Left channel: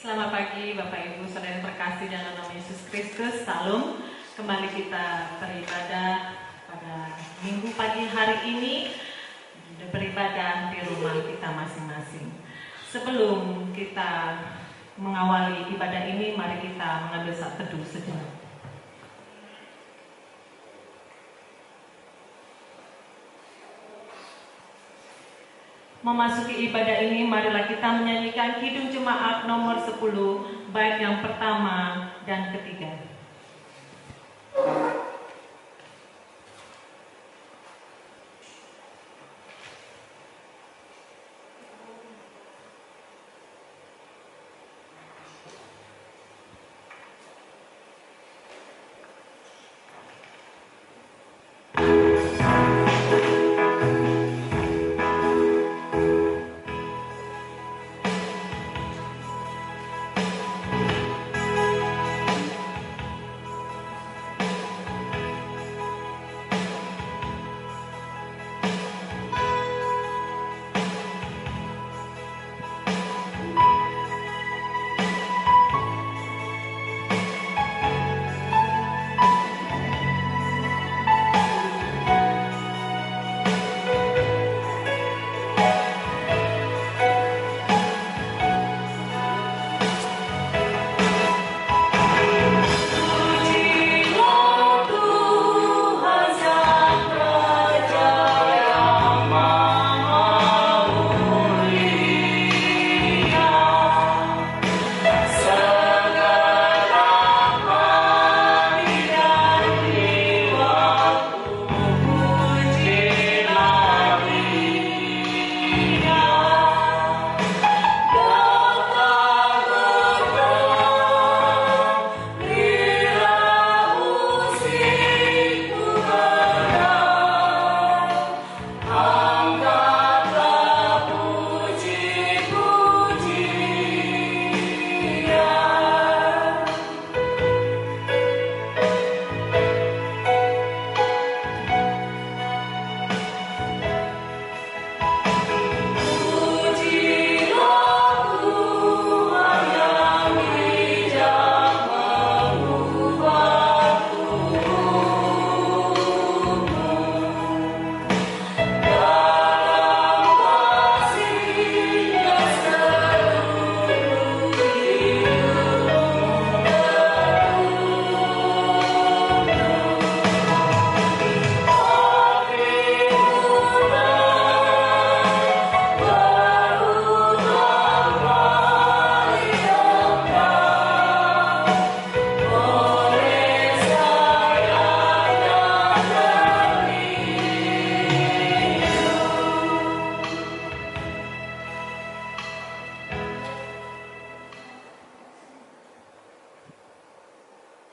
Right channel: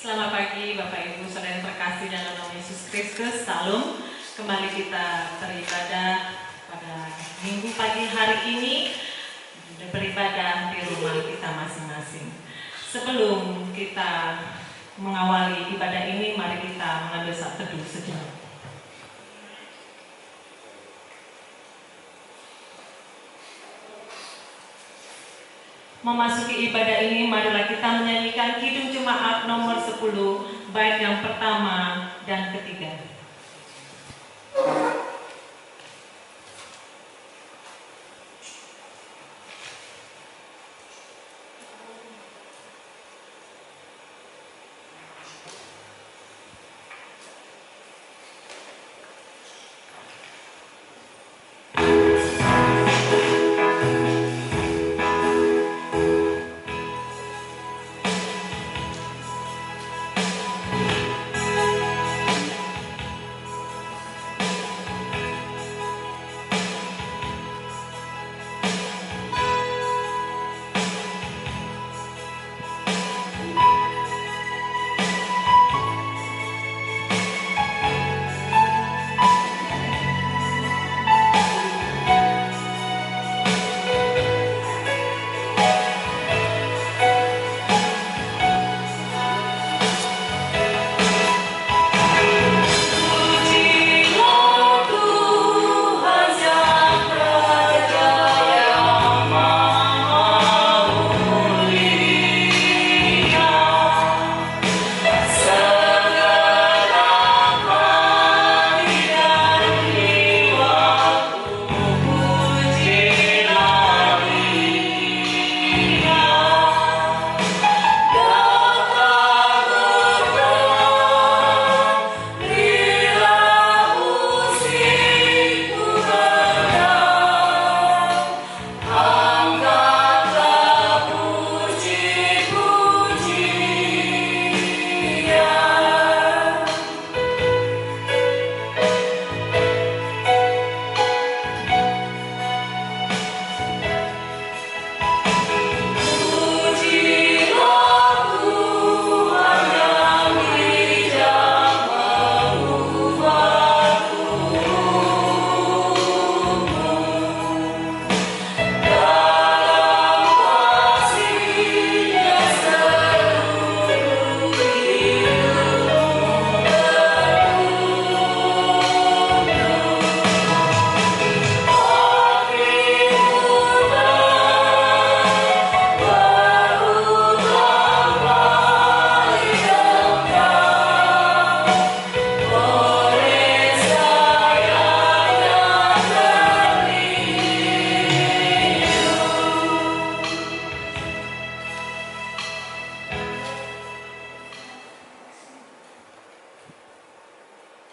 Selamat pagi Bapak Ibu Saudara yang terkasih dalam nama Yesus Kristus. Salam. Kembali kita beribadah pada minggu pagi hari ini, beribadah di rumah kita masing-masing. Sebelum kita mengawali ibadah ini, mari kita mengambil saat teduh sejenak. Memasuki ibadah ini, marilah kita menyanyikan Kidung Jemaat nomor 10, bait yang pertama dan ketiga.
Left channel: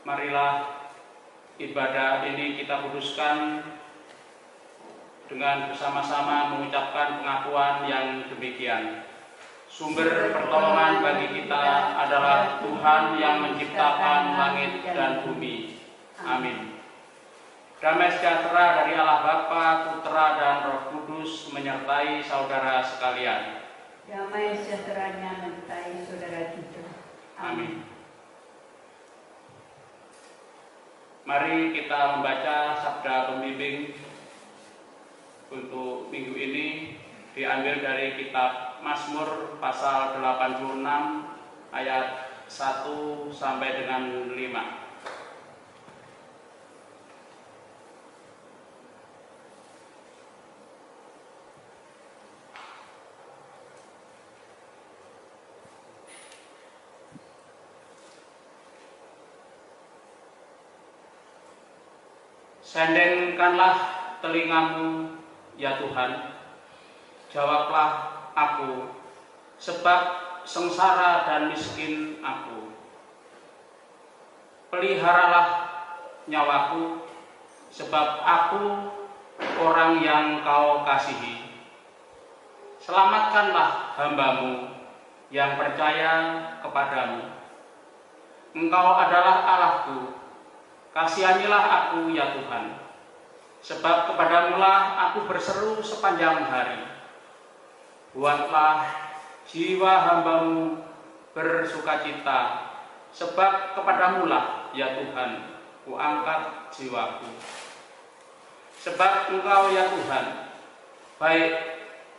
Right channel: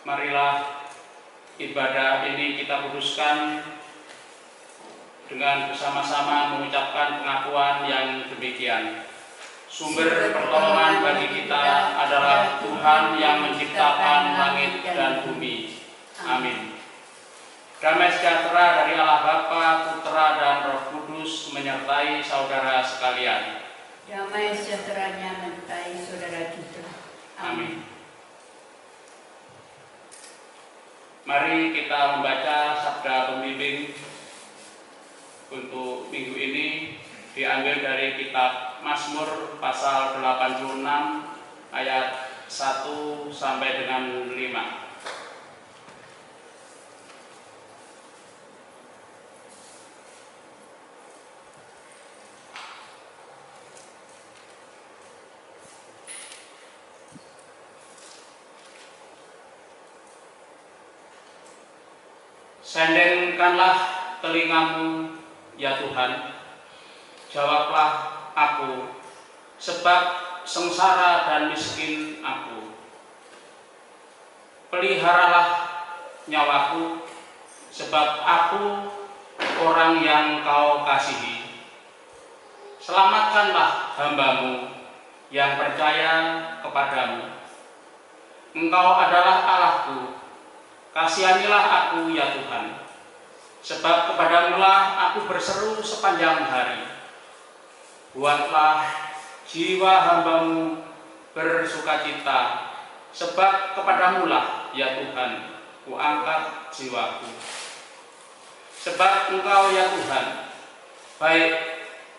Marilah ibadah ini kita kuduskan dengan bersama-sama mengucapkan pengakuan yang demikian. Sumber pertolongan bagi kita adalah Tuhan yang menciptakan langit dan bumi. Amin. Damai sejahtera dari Allah Bapa, Putra, dan Roh Kudus menyertai saudara sekalian. Damai sejahteranya menyertai saudara kita. Amin. Mari kita membaca sabda pembimbing untuk minggu ini, diambil dari kitab Mazmur pasal 86 ayat 1 sampai dengan 5. Sendengkanlah telingamu, ya Tuhan, jawablah aku, sebab sengsara dan miskin aku. Peliharalah nyawaku, sebab aku orang yang kau kasihi. Selamatkanlah hambamu yang percaya kepadamu. Engkau adalah Allahku, kasihanilah aku ya Tuhan, sebab kepadamulah aku berseru sepanjang hari. Buatlah jiwa hambamu bersukacita, sebab kepadamu-lah ya Tuhan ku angkat jiwaku. Sebab Engkau ya Tuhan baik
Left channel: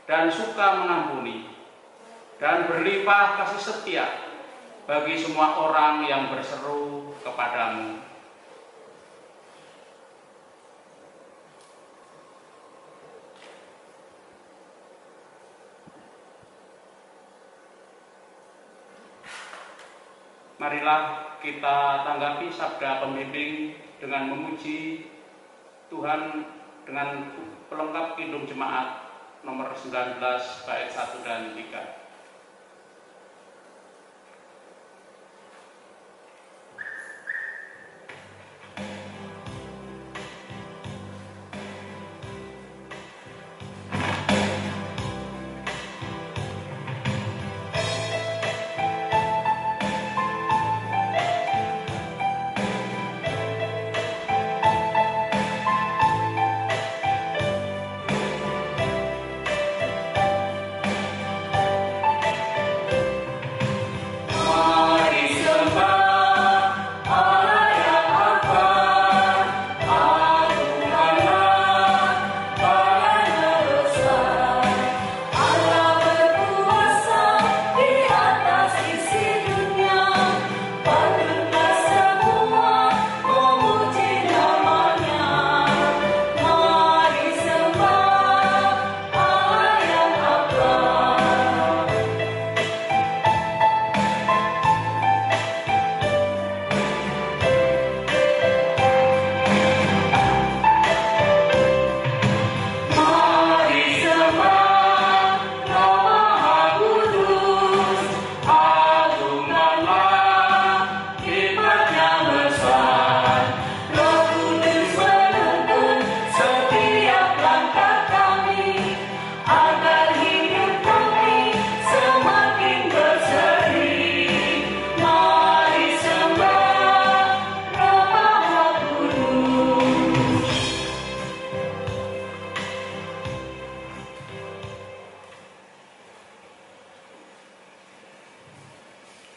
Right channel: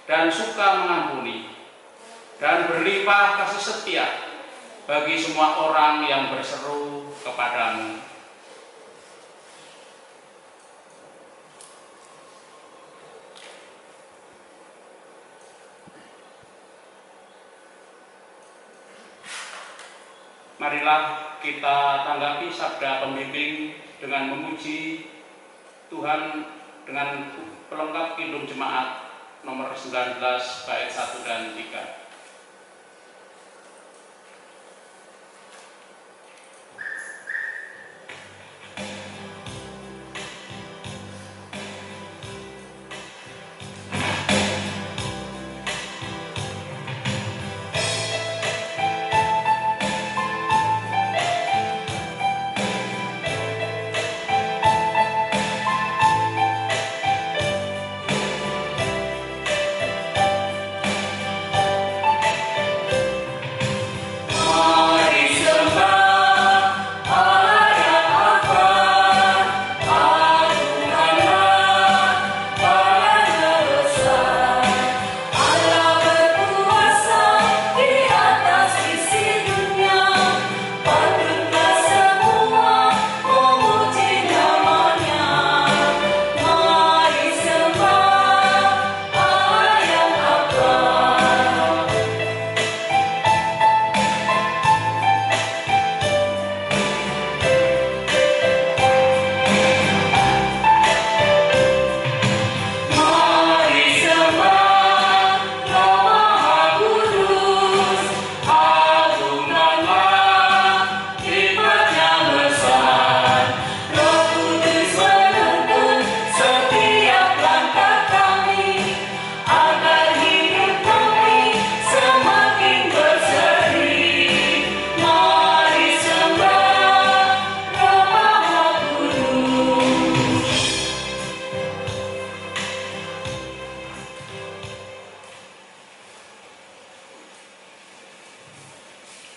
dan suka mengampuni dan berlimpah kasih setia bagi semua orang yang berseru kepadamu. Marilah kita tanggapi sabda pembimbing dengan memuji Tuhan dengan pelengkap Kidung Jemaat nomor 19 bait 1 dan 3.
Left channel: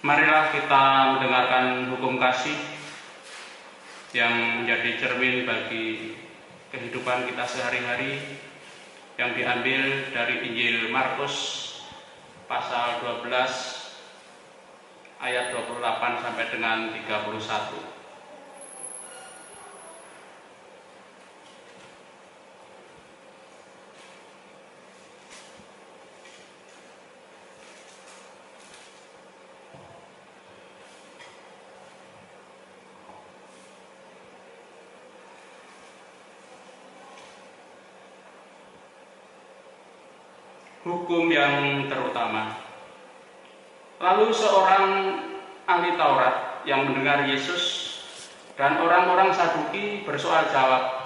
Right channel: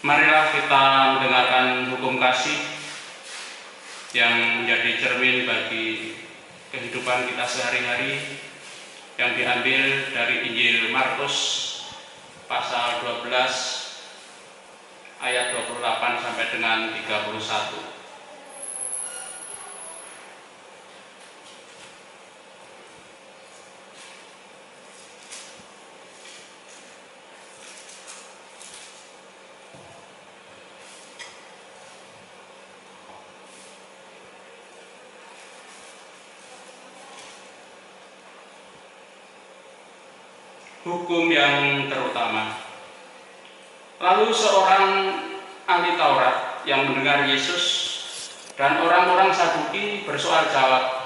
Marilah kita mendengarkan hukum kasih yang menjadi cermin bagi kehidupan kita sehari-hari yang diambil dari Injil Markus pasal 12 ayat 28 sampai dengan 31. Hukum yang terutama. Lalu seorang ahli Taurat yang mendengar Yesus dan orang-orang Saduki bersoal jawab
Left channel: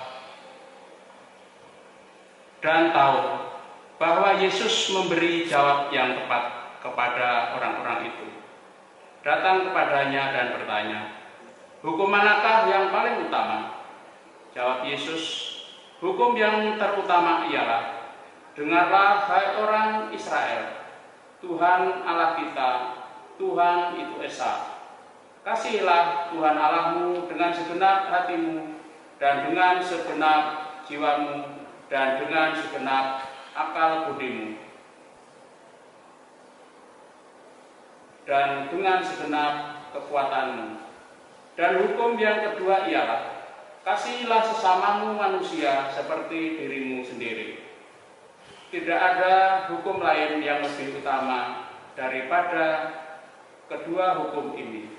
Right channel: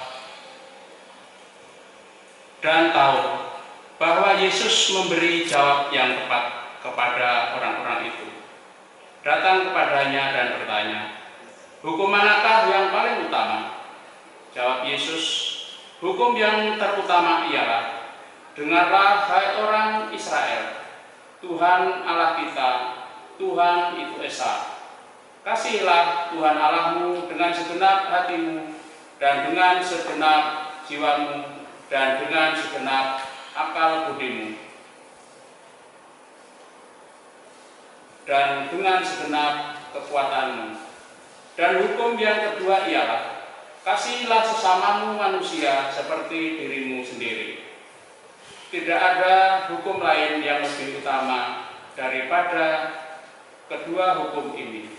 dan tahu bahwa Yesus memberi jawab yang tepat kepada orang-orang itu, datang kepadanya dan bertanya, "Hukum manakah yang paling utama?" Jawab Yesus, "Hukum yang terutama ialah, dengarlah hai orang Israel, Tuhan Allah kita, Tuhan itu Esa. Kasihilah Tuhan Allahmu dengan segenap hatimu, dan dengan segenap jiwamu, dan dengan segenap akal budimu, dan dengan segenap kekuatanmu. Dan hukum yang kedua ialah, kasihilah sesamamu manusia seperti dirimu sendiri. Tidak ada hukum lain yang lebih utama daripada kedua hukum ini."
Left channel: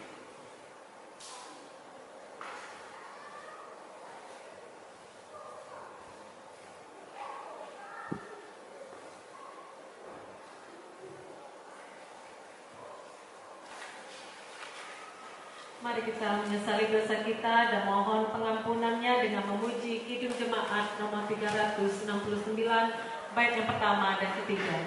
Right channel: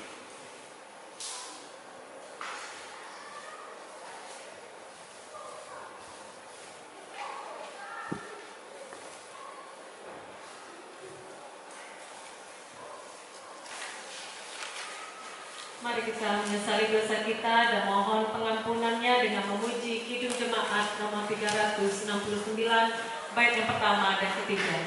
Mari kita menyesali dosa kita dan mohon pengampunannya dengan memuji Kidung Jemaat nomor 369 bait yang pertama dan ketiga.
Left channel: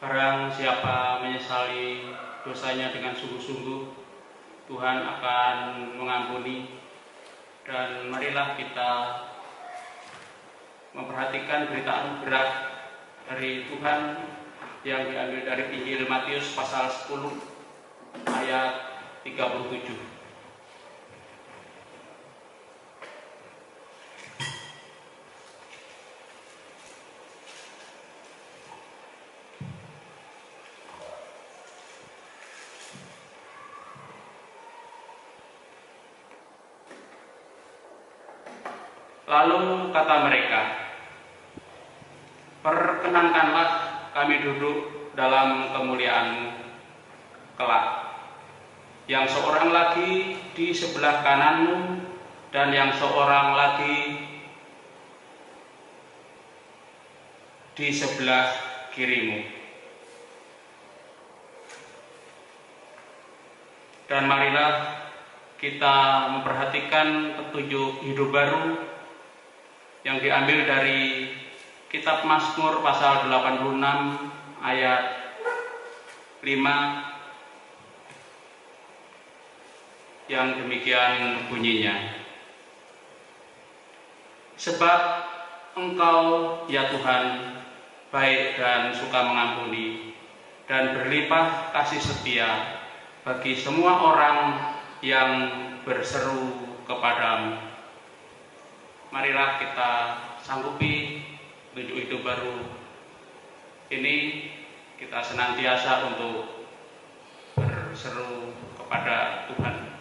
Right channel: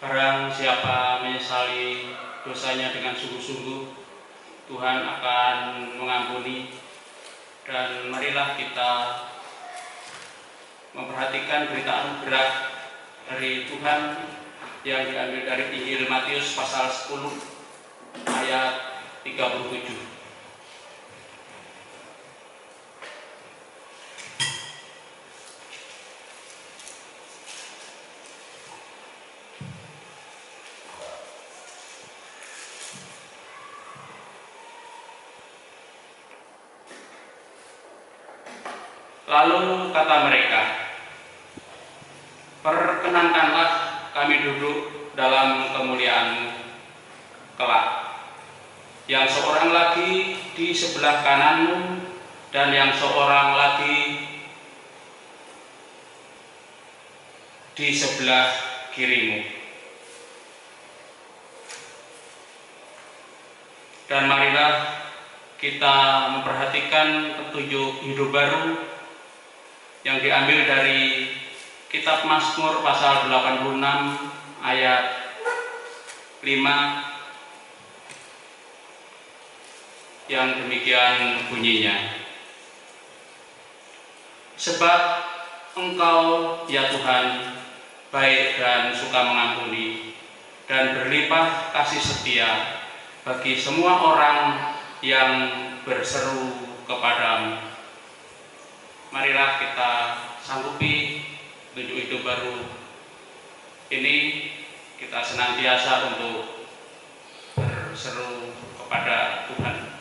Barang siapa menyesali dosanya dengan sungguh-sungguh, Tuhan akan mengampuni. Dan marilah kita memperhatikan berita anugerah dari Tuhan yang diambil dari Injil Matius pasal 10 ayat 37. Lalu kata mereka, "Perkenankanlah kami duduk dalam kemuliaan-Mu kelak. Yang seorang lagi di sebelah kanan-Mu dan yang seorang lagi di sebelah kiri-Mu." Dan marilah kita memperhatikan petunjuk hidup baru yang diambil dari kitab Mazmur pasal 86 ayat 5 yang demikian bunyinya. "Sebab Engkau, ya Tuhan, baik dan suka mengampuni, dan berlimpah kasih setia bagi semua orang yang berseru kepadamu." Marilah kita sanggupi petunjuk hidup baru ini, kita senantiasa untuk berseru kepada Tuhan.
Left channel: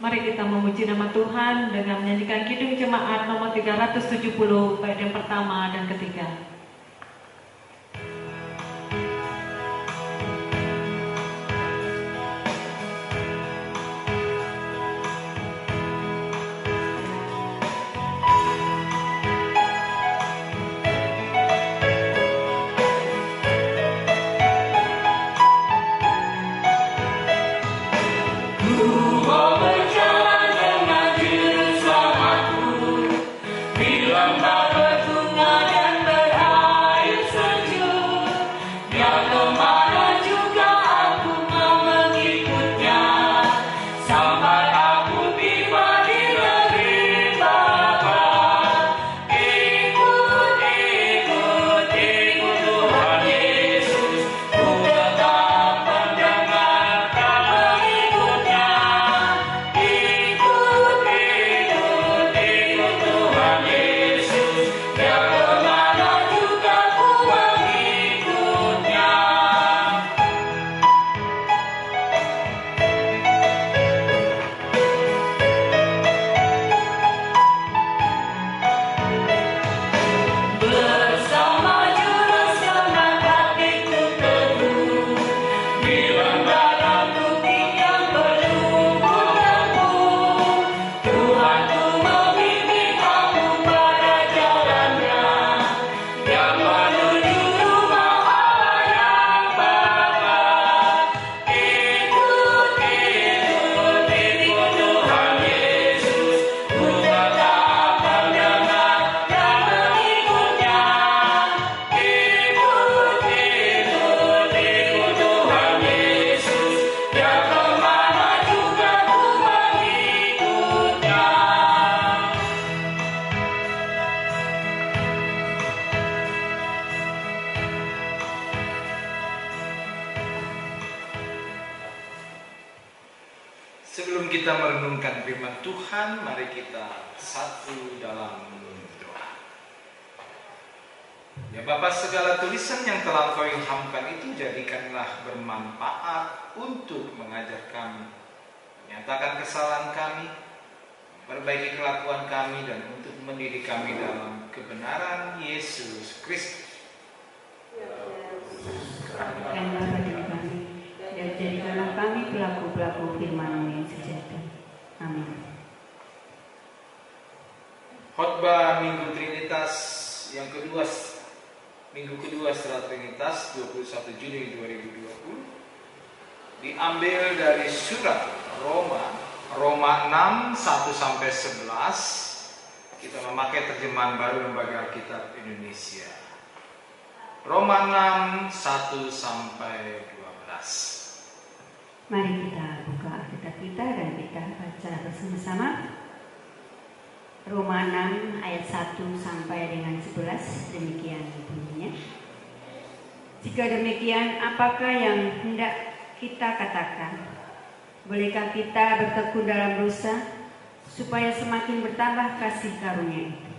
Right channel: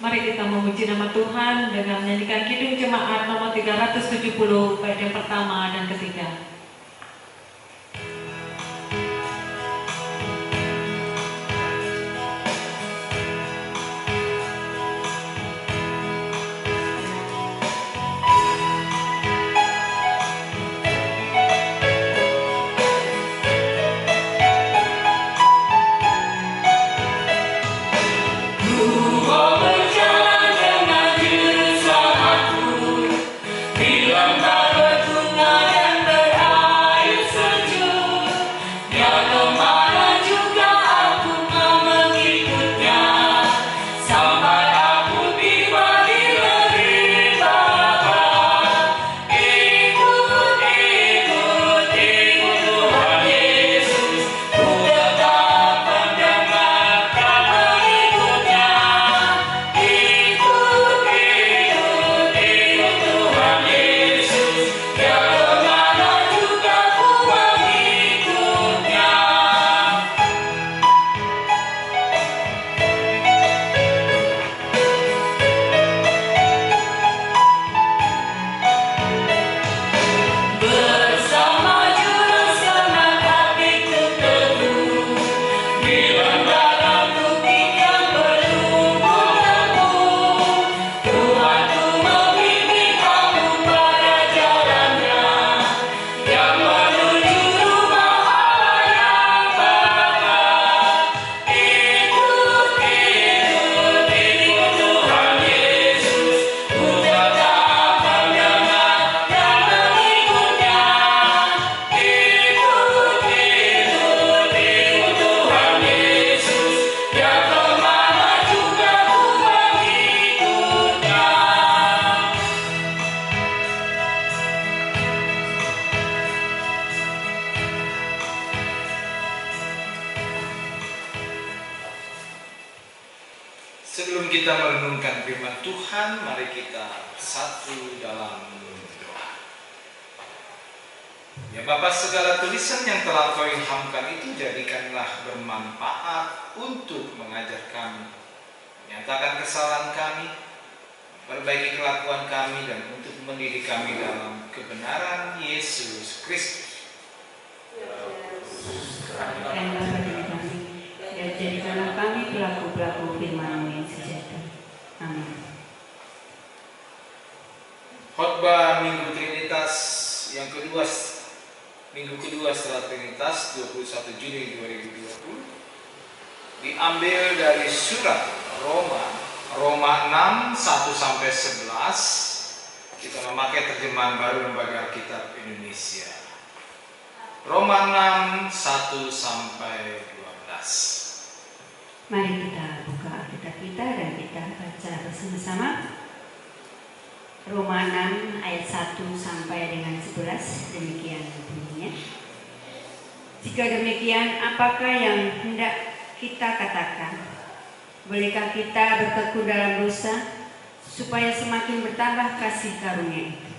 Mari kita memuji nama Tuhan dengan menyanyikan Kidung Jemaat nomor 370 bait yang pertama dan ketiga. Sebelum kita merenungkan firman Tuhan, mari kita satu dalam doa. Ya Bapa, segala tulisan yang telah Kau ilhamkan itu jadikanlah bermanfaat untuk mengajar kami, menyatakan kesalahan kami, perbaiki kelakuan kami, dan untuk mendidik kami dalam kebenaran Yesus Kristus. Dan jadikanlah kami pelaku-pelaku firman-Mu yang sejahtera. Amin. Khotbah Minggu Trinitas yang kedua, Minggu kedua setelah Trinitas, 21 Juni 2020, diambil dari surat Roma 6, 1-11. Kita memakai terjemahan baru Lembaga Alkitab Indonesia. Roma 6, 1 sampai 12. Mari kita buka Alkitab kita dan kita baca bersama-sama. Roma 6 ayat 1 sampai dengan 11, demikian bunyinya. Jika demikian, apakah yang hendak kita katakan? Bolehkah kita bertekun dalam dosa supaya semakin bertambah kasih karunia itu?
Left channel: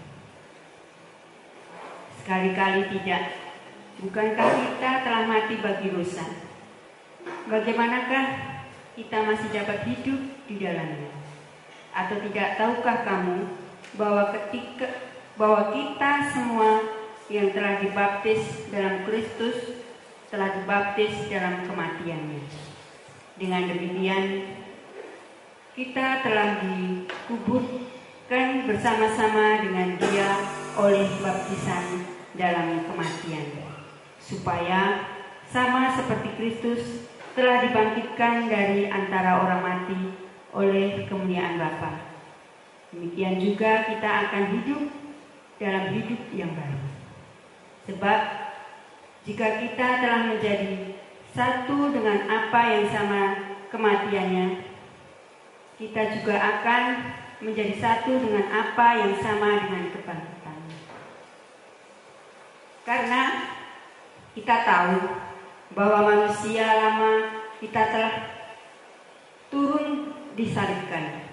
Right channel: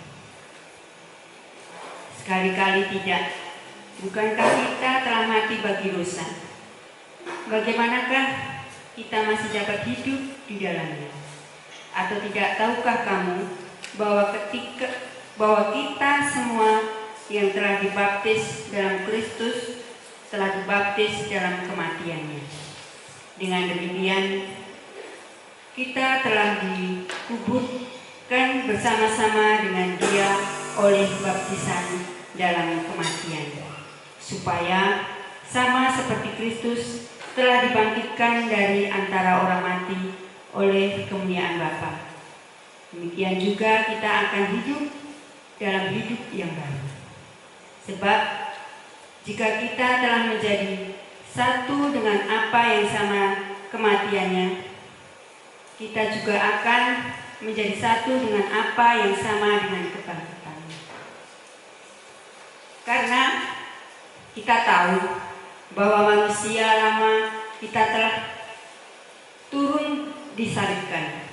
Sekali-kali tidak. Bukankah kita telah mati bagi dosa? Bagaimanakah kita masih dapat hidup di dalamnya? Atau tidak tahukah kamu bahwa kita semua yang telah dibaptis dalam Kristus telah dibaptis dalam kematiannya? Dengan demikian kita telah dikuburkan bersama-sama dengan Dia oleh baptisan dalam kematiannya, supaya sama seperti Kristus telah dibangkitkan dari antara orang mati oleh kemuliaan Bapa. Demikian juga kita akan hidup dalam hidup yang baru. Sebab jika kita telah menjadi satu dengan apa yang sama kematiannya, kita juga akan menjadi satu dengan apa yang sama dengan kebangkitannya. Karena kita tahu bahwa manusia lama kita telah turun disalibkan,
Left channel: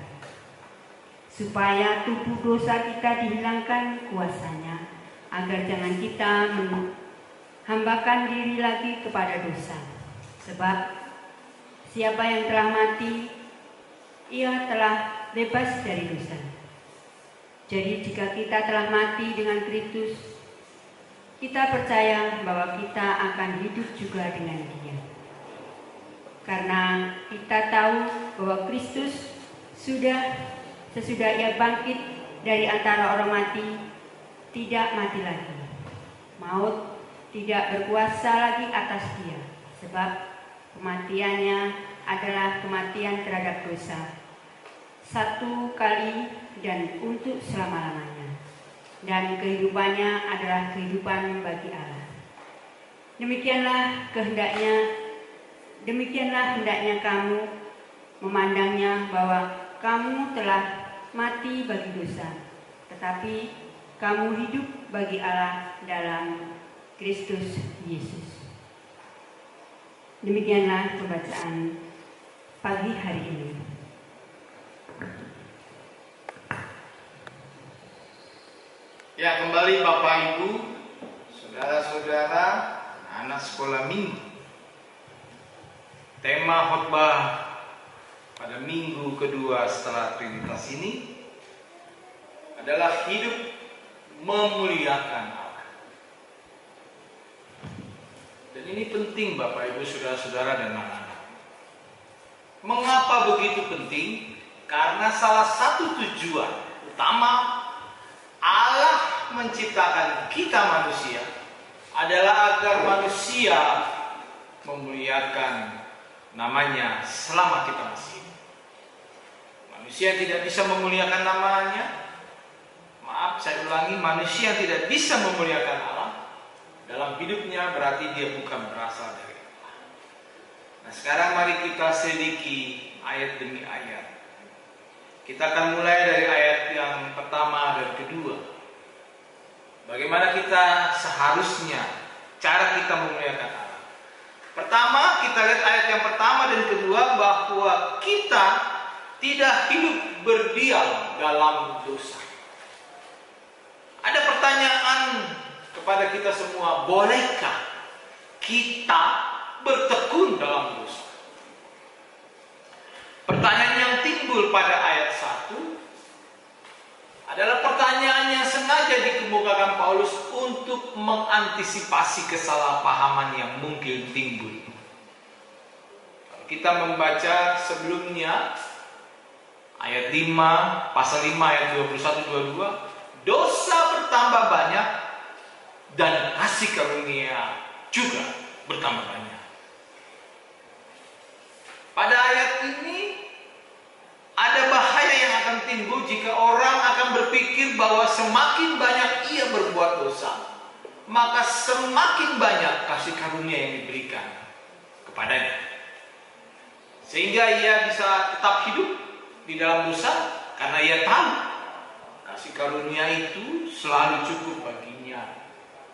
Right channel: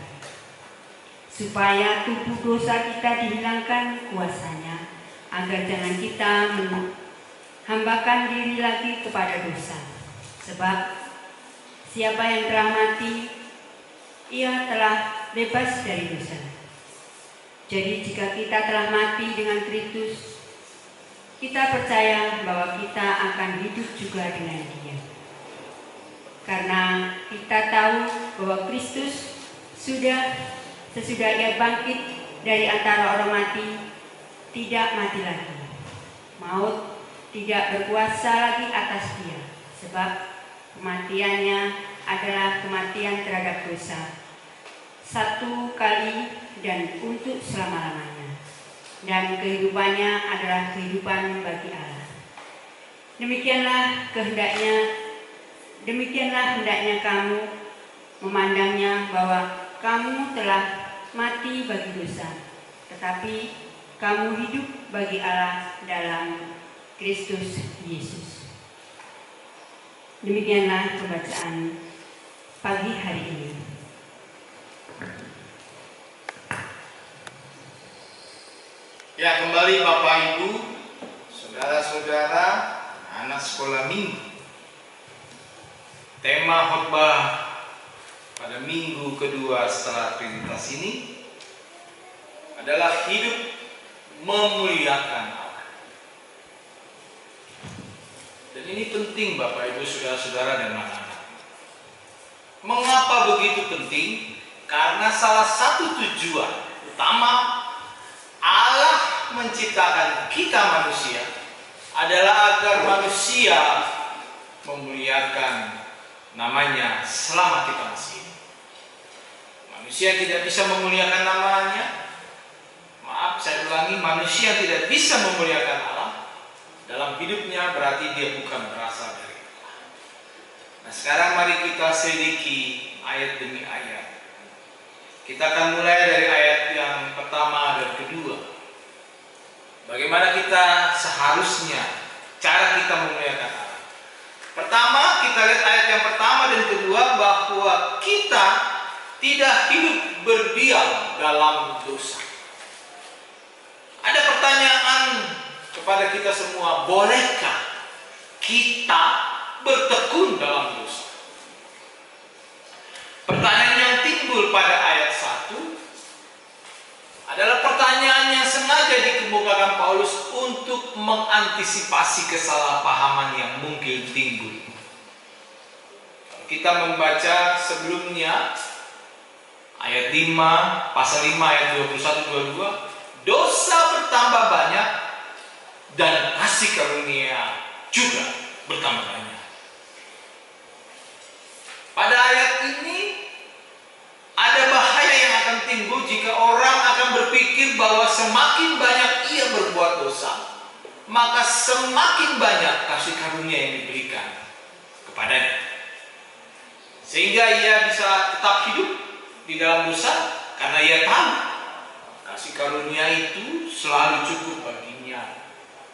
supaya tubuh dosa kita dihilangkan kuasanya, agar jangan kita menghambakan diri lagi kepada dosa. Sebab siapa yang telah mati, ia telah bebas dari dosa. Jadi jika kita telah mati dengan Kristus, kita percaya bahwa kita akan hidup juga dengan Dia. Karena kita tahu bahwa Kristus sesudah Ia bangkit dari antara orang mati, tidak mati lagi. Maut tidak berkuasa lagi atas Dia, sebab kematiannya adalah kematian terhadap dosa, satu kali dan untuk selama-lamanya. Dan kehidupannya adalah kehidupan bagi Allah. Demikianlah hendaknya kamu memandangnya, bahwa kamu telah mati bagi dosa, tetapi kamu hidup bagi Allah dalam Kristus Yesus. Demikianlah pembacaan pagi hari ini. Ya, kembali Bapak Ibu, saudara-saudara, anak sekolah minggu. Tema khotbah pada minggu kedua setelah Trinitas ini adalah hidup memuliakan Allah. Dan ini penting Bapak Ibu, saudara-saudara dan anak-anak. Mengapa begitu penting? Karena salah satu tujuan utama Allah menciptakan kita manusia adalah agar manusia memuliakan namanya selama kita masih hidup. Manusia tidak bisa memuliakan namanya. Maaf, saya ulangi, manusia tidak bisa memuliakan Allah dalam hidupnya, berarti dia bukan berasal dari Allah. Nah, sekarang mari kita selidiki ayat demi ayat. Kita akan mulai dari ayat yang pertama dan kedua. Bagaimana kita seharusnya, cara kita memuliakan Allah. Pertama, kita lihat ayat yang pertama dan kedua, bahwa kita tidak hidup berdiam dalam dosa. Ada pertanyaan kepada kita semua, bolehkah kita bertekun dalam dosa? Pertanyaan yang timbul pada ayat 1 adalah pertanyaan yang sengaja dikemukakan Paulus untuk mengantisipasi kesalahpahaman yang mungkin timbul. Kita membaca sebelumnya ayat 5, pasal 5 ayat 21-22, dosa bertambah banyak dan kasih karunia juga bertambah banyak. Pada ayat ini ada bahaya yang akan timbul jika orang akan berpikir bahwa semakin banyak ia berbuat dosa, maka semakin banyak kasih karunia yang diberikan kepadanya. Sehingga ia bisa tetap hidup di dalam dosa karena ia tahu kasih karunia itu selalu cukup baginya,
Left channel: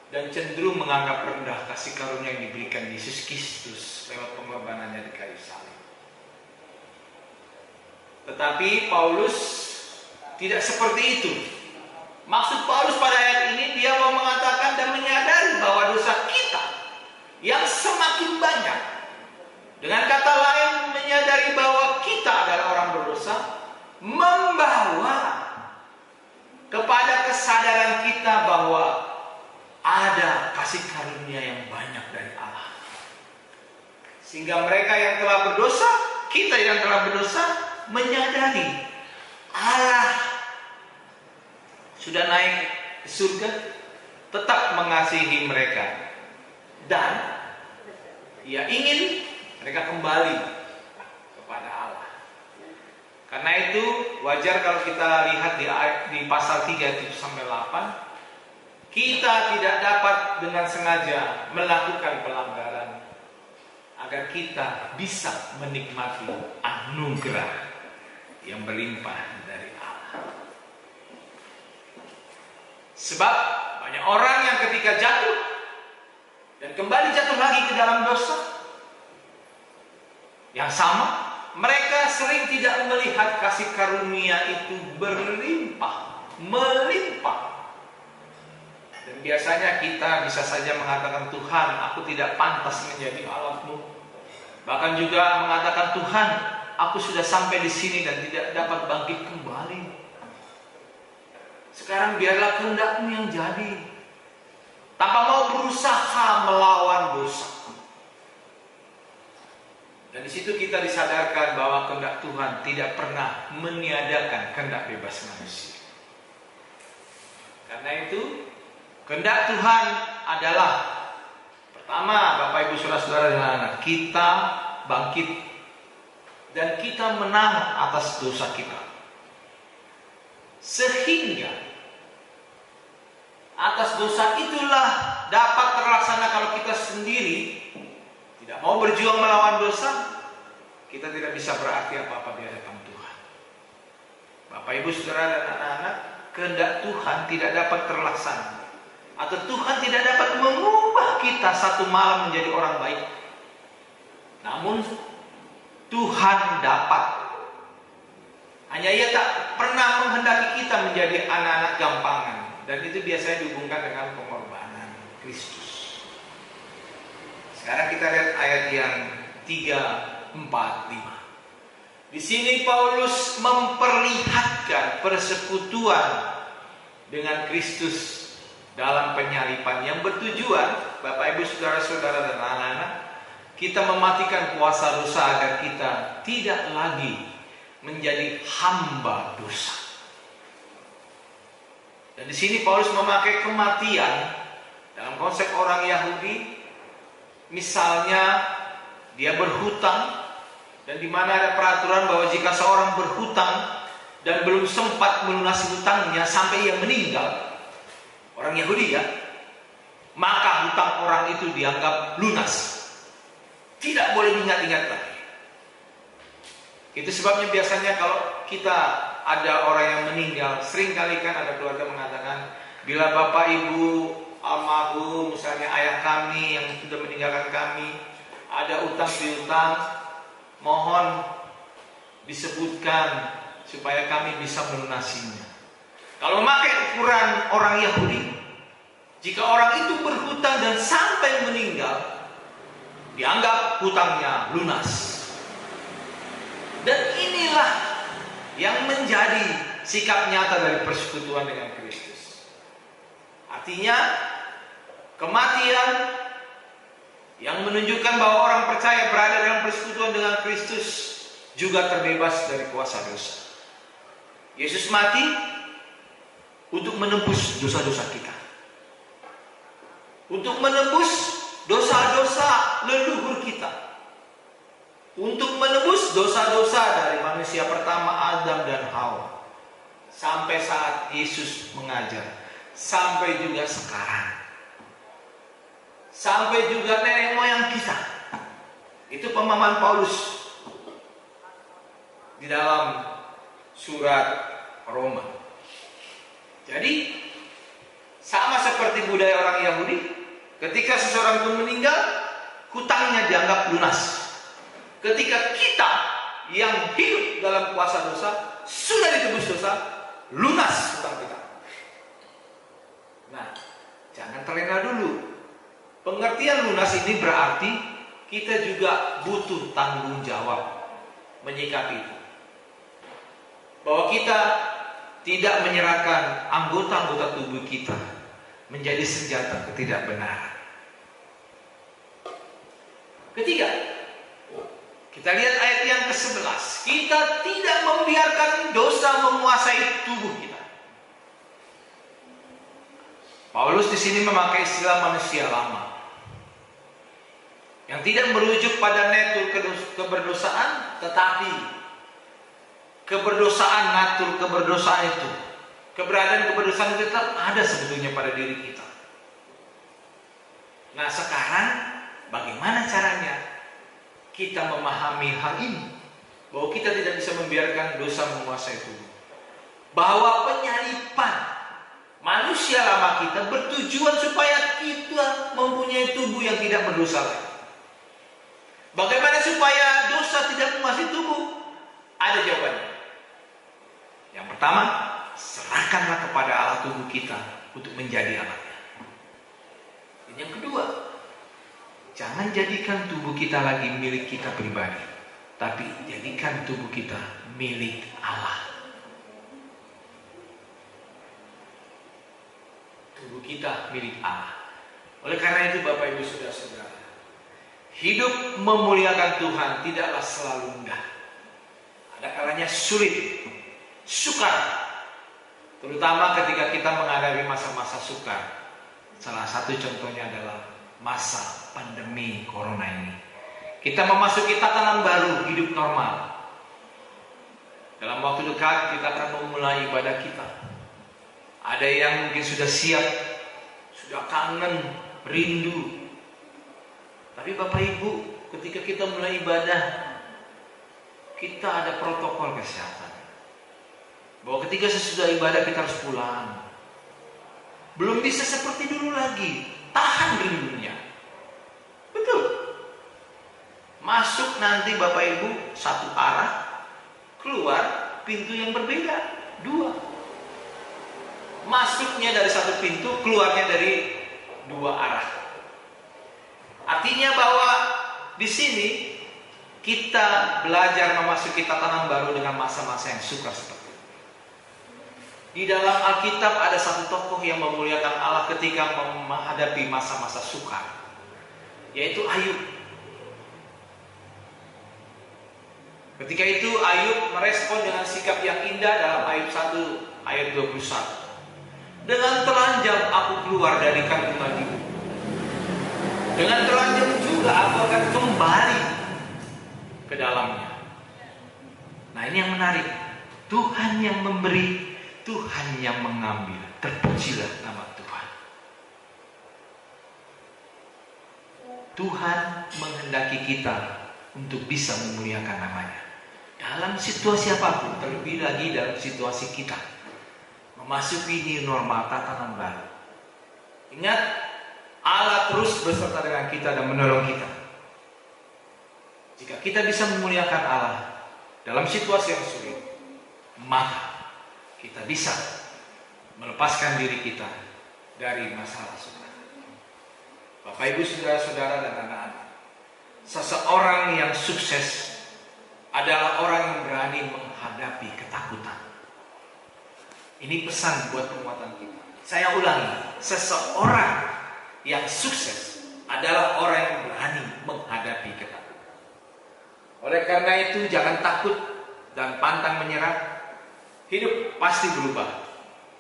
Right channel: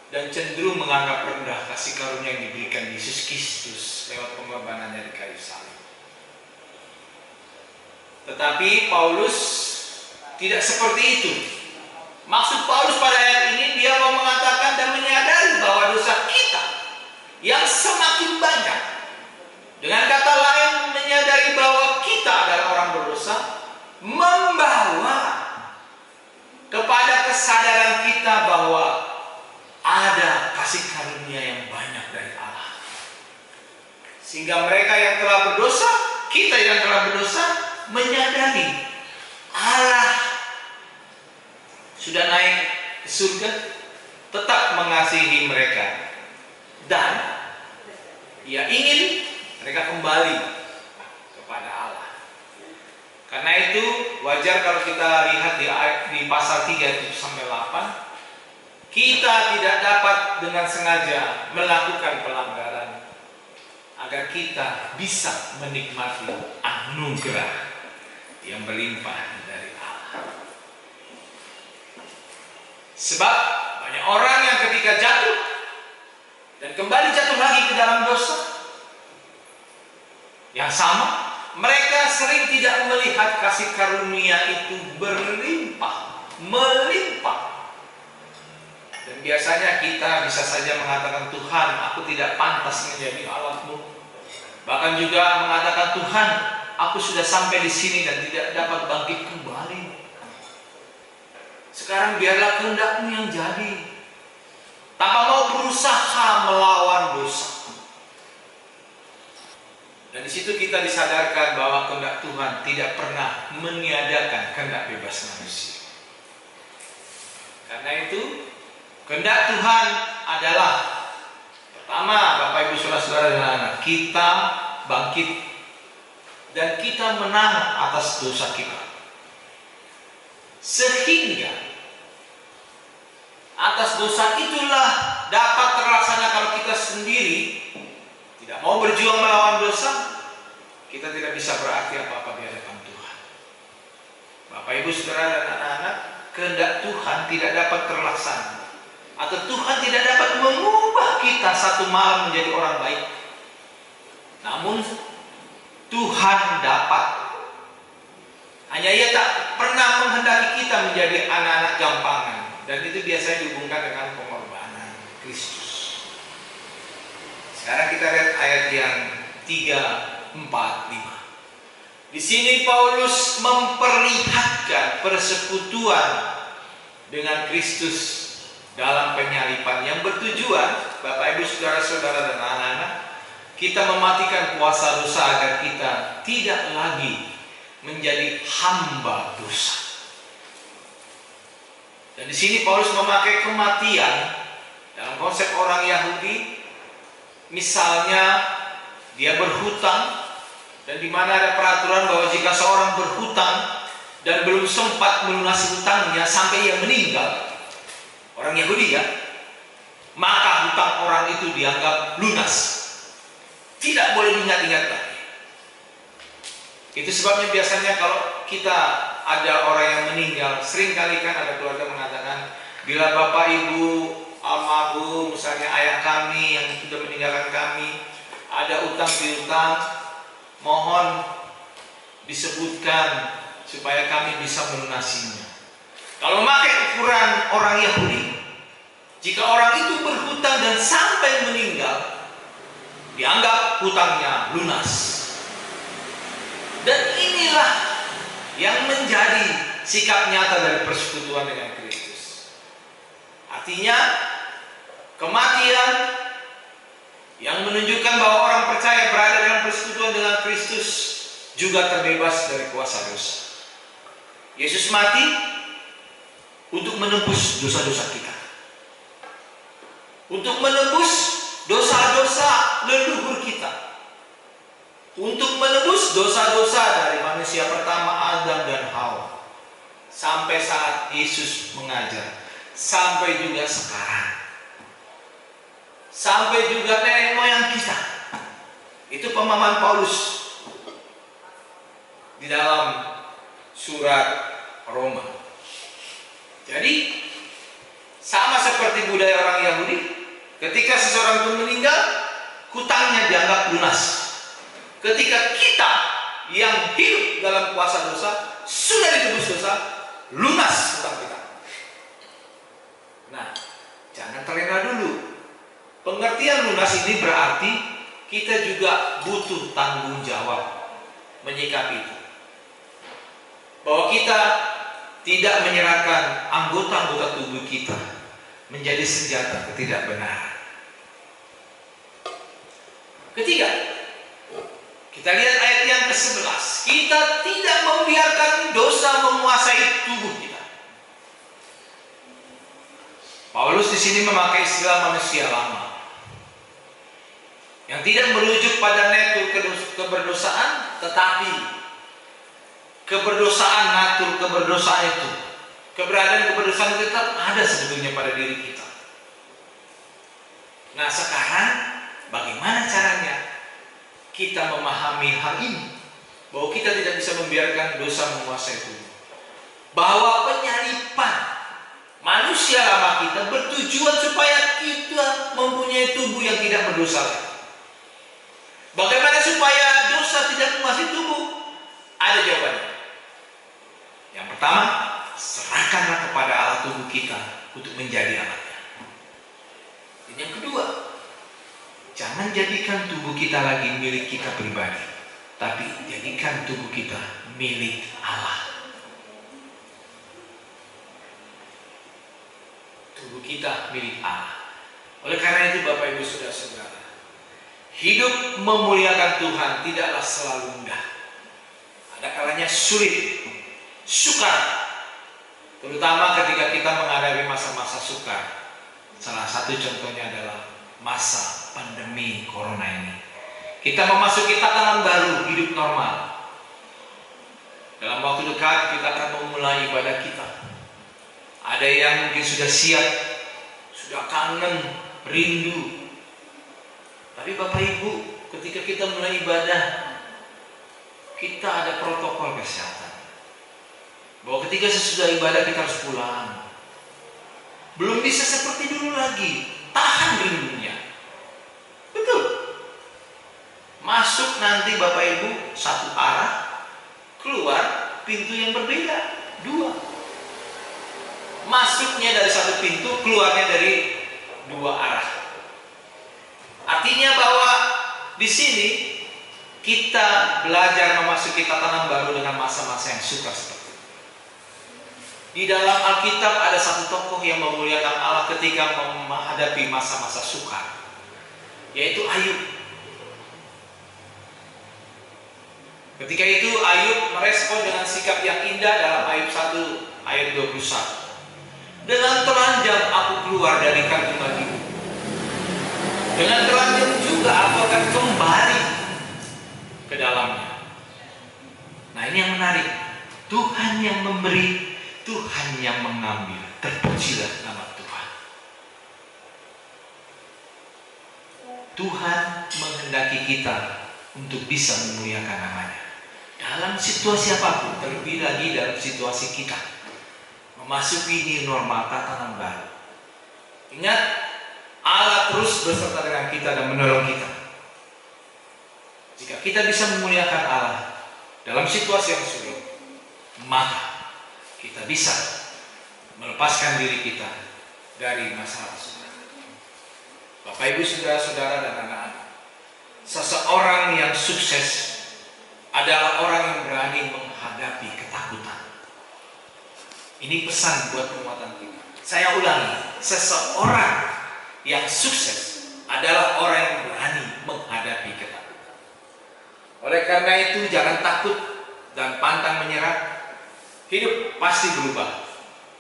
dan cenderung menganggap rendah kasih karunia yang diberikan Yesus Kristus lewat pengorbanannya di kayu salib. Tetapi Paulus tidak seperti itu. Maksud Paulus pada ayat ini, dia mau mengatakan dan menyadari bahwa dosa kita yang semakin banyak. Dengan kata lain, menyadari bahwa kita adalah orang berdosa, membawa kepada kesadaran kita bahwa ada kasih karunia yang banyak dari Allah. Sehingga mereka yang telah berdosa, kita yang telah berdosa, menyadari Allah sudah naik ke surga, tetap mengasihi mereka, dan ia ingin mereka kembali kepada Allah. Karena itu wajar kalau kita lihat di pasal 3 sampai 8, kita tidak dapat dengan sengaja melakukan pelanggaran agar kita bisa menikmati anugerah yang berlimpah dari Allah. Sebab banyak orang yang ketika jatuh dan kembali jatuh lagi ke dalam dosa yang sama, mereka sering tidak melihat kasih karunia itu berlimpah, melimpah. Dan biasanya kita bisa saja mengatakan, Tuhan, aku tidak pantas menjadi alatmu. Bahkan juga mengatakan, Tuhan, aku sudah sampai di sini dan tidak dapat bangkit kembali. Sekarang biarlah kehendak-Mu yang jadi, tanpa mau berusaha melawan dosa. Dan di situ kita disadarkan bahwa kehendak Tuhan tidak pernah meniadakan kehendak bebas manusia. Karena itu, kehendak Tuhan adalah pertama, Bapak Ibu Saudara-saudara dan anak, kita bangkit dan kita menang atas dosa kita. Sehingga atas dosa itulah dapat terlaksana kalau kita sendiri tidak mau berjuang melawan dosa, kita tidak bisa berarti apa-apa di hadapan Tuhan. Bapak Ibu Saudara dan anak-anak, kehendak Tuhan tidak dapat terlaksana, atau Tuhan tidak dapat mengubah kita satu malam menjadi orang baik. Namun Tuhan dapat. Hanya Ia tak pernah menghendaki kita menjadi anak-anak gampangan. Dan itu biasanya dihubungkan dengan pengorbanan Kristus. Sekarang kita lihat ayat yang 3, 4, 5. Di sini Paulus memperlihatkan persekutuan dengan Kristus dalam penyalipan yang bertujuan, Bapak Ibu Saudara-saudara dan anak-anak, kita mematikan kuasa dosa agar kita tidak lagi menjadi hamba dosa. Dan di sini Paulus memakai kematian dalam konsep orang Yahudi. Misalnya dia berhutang, dan di mana ada peraturan bahwa jika seorang berhutang dan belum sempat melunasi hutangnya sampai ia meninggal, orang Yahudi ya, maka hutang orang itu dianggap lunas, tidak boleh diingat-ingat lagi. Itu sebabnya biasanya kalau kita ada orang yang meninggal, sering kali kan ada keluarga mengatakan, bila Bapak Ibu almarhum, misalnya ayah kami yang sudah meninggalkan kami, ada utang piutang, mohon disebutkan supaya kami bisa melunasinya. Kalau memakai ukuran orang Yahudi, jika orang itu berhutang dan sampai meninggal, dianggap hutangnya lunas. Dan inilah yang menjadi sikap nyata dari persekutuan dengan Kristus. Artinya, kematian yang menunjukkan bahwa orang percaya berada dalam persekutuan dengan Kristus juga terbebas dari kuasa dosa. Yesus mati untuk menebus dosa-dosa kita, untuk menebus dosa-dosa leluhur kita, untuk menebus dosa-dosa dari manusia pertama Adam dan Hawa, sampai saat Yesus mengajar, sampai juga sekarang. sampai juga nenek moyang kita. Itu pemahaman Paulus di dalam surat Roma. Jadi sama seperti budaya orang Yahudi, ketika seseorang pun meninggal, hutangnya dianggap lunas. Ketika kita yang hidup dalam kuasa dosa sudah ditebus dosa, lunas hutang kita. Nah, jangan terlena dulu. Pengertian lunas ini berarti kita juga butuh tanggung jawab menyikapi itu. Bahwa kita tidak menyerahkan anggota-anggota tubuh kita menjadi senjata ketidakbenaran. Ketiga, kita lihat ayat yang ke-11. Kita tidak membiarkan dosa menguasai tubuh kita. Paulus di sini memakai istilah manusia lama, yang tidak merujuk pada natur keberdosaan, tetapi keberdosaan natur keberdosaan itu, keberadaan keberdosaan itu tetap ada sebetulnya pada diri kita. Nah, sekarang bagaimana caranya kita memahami hal ini, bahwa kita tidak bisa membiarkan dosa menguasai tubuh, bahwa penyalipan manusia lama kita bertujuan supaya kita mempunyai tubuh yang tidak berdosa. Bagaimana supaya dosa tidak menguasai tubuh? Ada jawabannya. Yang pertama, serahkanlah kepada Allah tubuh kita untuk menjadi alatnya. Dan yang kedua, jangan jadikan tubuh kita lagi milik kita pribadi, tapi jadikan tubuh kita milik Allah. Tubuh kita milik Allah. Oleh karena itu Bapak Ibu Saudara-saudara, hidup memuliakan Tuhan tidaklah selalu mudah. Ada kalanya sulit, sukar, terutama ketika kita menghadapi masa-masa sukar. Salah satu contohnya adalah masa pandemi corona ini. Kita memasuki tatanan baru hidup normal. Dalam waktu dekat kita akan memulai ibadah kita. Ada yang mungkin sudah siap, sudah kangen, rindu. Tapi Bapak Ibu, ketika kita mulai ibadah, kita ada protokol kesehatan. Bahwa ketika sesudah ibadah kita harus pulang. Belum bisa seperti dulu lagi, tahan rindunya. Betul. Masuk nanti Bapak Ibu satu arah, keluar pintu yang berbeda, dua. Masuknya dari satu pintu, keluarnya dari dua arah. Artinya bahwa di sini kita belajar memasuki tatanan baru dengan masa-masa yang sukar seperti itu. Di dalam Alkitab ada satu tokoh yang memuliakan Allah ketika menghadapi masa-masa sukar, yaitu Ayub. Ketika itu Ayub merespon dengan sikap yang indah dalam Ayub 1 ayat 21. Dengan telanjang aku keluar dari kandungan ibu. Dengan telanjang juga aku akan kembali ke dalamnya. Nah, ini yang menarik. Tuhan yang memberi, Tuhan yang mengambil. Terpujilah nama Tuhan. Tuhan menghendaki kita untuk bisa memuliakan namanya dalam situasi apapun, terlebih lagi dalam situasi kita memasuki ini normal tatanan baru. Ingat, Allah terus beserta dengan kita dan menolong kita. Jika kita bisa memuliakan Allah dalam situasi yang sulit, maka kita bisa melepaskan diri kita dari masalah sulit. Bapak Ibu Saudara-saudara dan anak-anak, seseorang yang sukses adalah orang yang berani menghadapi ketakutan. Ini pesan buat penguatan kita. Saya ulangi, seseorang yang sukses adalah orang yang berani menghadapi ketakutan. Oleh karena itu jangan takut dan pantang menyerah. Hidup pasti berubah.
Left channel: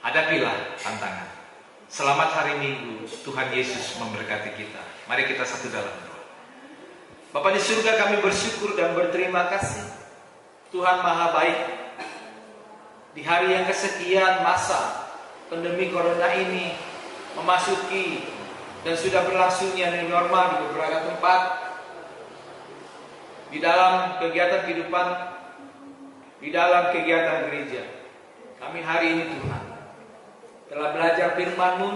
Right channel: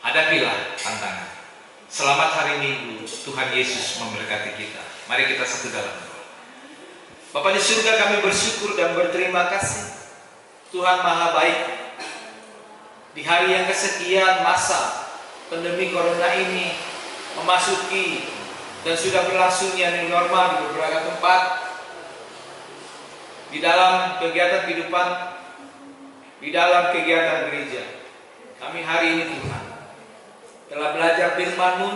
Hadapilah tantangan. Selamat hari Minggu. Tuhan Yesus memberkati kita. Mari kita satu dalam doa. Bapa di surga, kami bersyukur dan berterima kasih. Tuhan Maha Baik. Di hari yang kesekian masa pandemi corona ini memasuki dan sudah berlangsungnya new normal di beberapa tempat di dalam kegiatan kehidupan, di dalam kegiatan gereja. Kami hari ini Tuhan telah belajar firman-Mu